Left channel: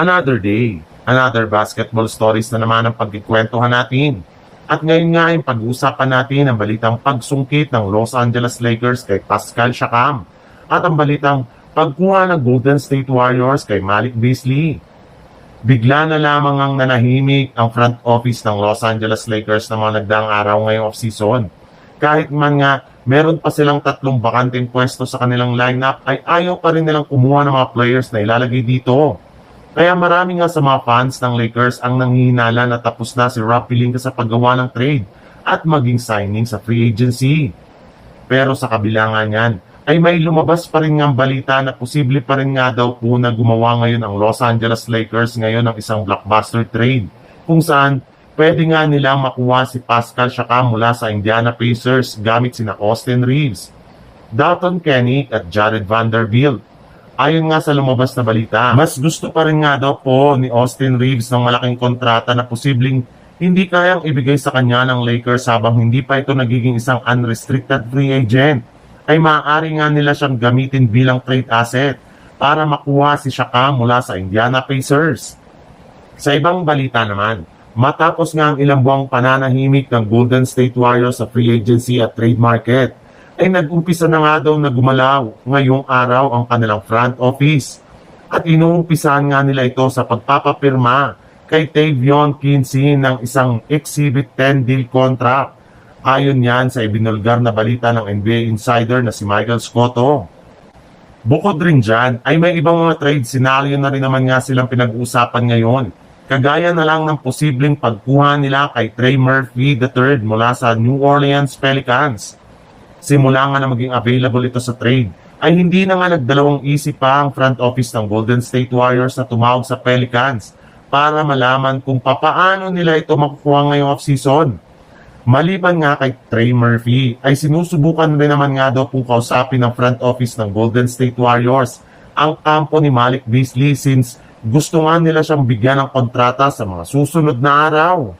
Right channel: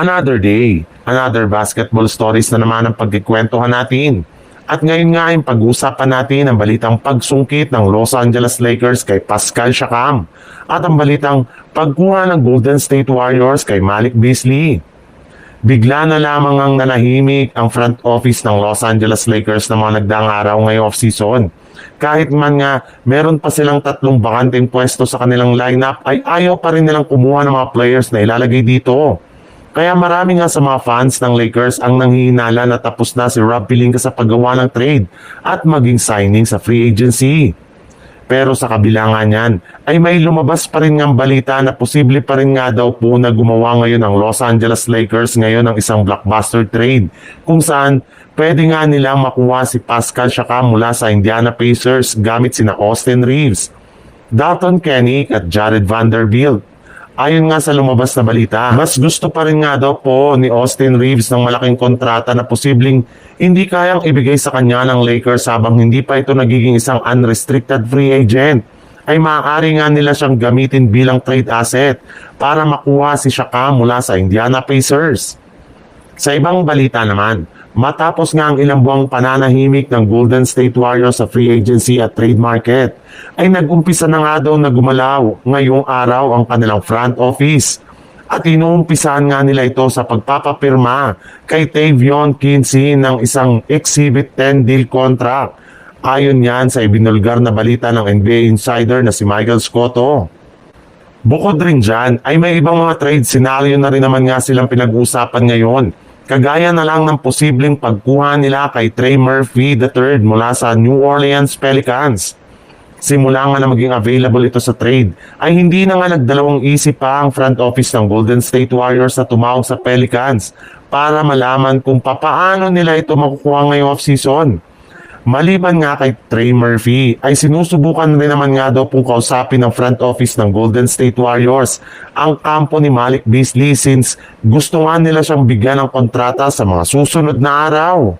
Another day, another basketball stories na naman ang pagkikwentuhan natin. At ngayon nga ay pag-uusapan natin ang balitang pagsungkit ng Los Angeles Lakers kay Pascal Siakam at ang balitang pagkuha ng Golden State Warriors kay Malik Beasley. Bigla na lamang ang nanahimik ang front office ng Los Angeles Lakers ng mga nagdaang araw ngayong off-season. Kahit man nga meron pa silang 3 bakanteng pwesto sa kanilang lineup ay ayaw pa rin nilang kumuha ng mga players na ilalagay dito. Kaya marami nga sa mga fans ng Lakers ang nanghihinala na tapos na si Rob Pelinka sa paggawa ng trade at maging signing sa free agency. Pero sa kabila nga niyan, ay may lumabas pa rin nga balita na posible pa rin nga daw po na gumawa ngayon ang Los Angeles Lakers ngayon ng isang blockbuster trade kung saan pwede nga nilang makuha si Pascal Siakam mula sa Indiana Pacers gamit sina Austin Reeves, Dalton Kenick at Jared Vanderbilt. Ayon nga sa lumabas na balita, mas gusto pa rin nga daw po ni Austin Reeves ng malaking kontrata na posibleng hindi kayang ibigay sa kanya ng Lakers habang hindi pa ito nagiging isang unrestricted free agent. Ay maaari nga nila siyang gamitin bilang trade asset para makuha si Siakam mula sa Indiana Pacers. Sa ibang balita naman, matapos nga ang ilang buwang pananahimik ng Golden State Warriors sa free agency at trade market, ay nag-umpisa na nga daw na gumalaw ngayong araw ang kanilang front office. At inuumpisahan nga nila ito sa pagpapapirma kay Tavion Kinsey ng isang Exhibit 10 deal contract. Ayon yan sa ibinulgar na balita ng NBA insider na si Michael Scotto. Bukod rin dyan, ay may ibang mga trade scenario na rin naman nga silang pinag-uusapan ngayon. Kagaya na lang ng posibleng pagkuha nila kay Trey Murphy III mula sa New Orleans Pelicans. Simula nga na maging available ito sa trade, ay hindi na nga nagdalawang isip pa ang front office ng Golden State Warriors na tumawag sa Pelicans para malaman kung papaano nila ito makukuha ngayong off-season. Maliban nga kay Trey Murphy, ay sinusubukan rin naman nga daw pong kausapin ng front office ng Golden State Warriors ang kampo ni Malik Beasley since gusto nga nila siyang bigyan ng kontrata sa mga susunod na araw.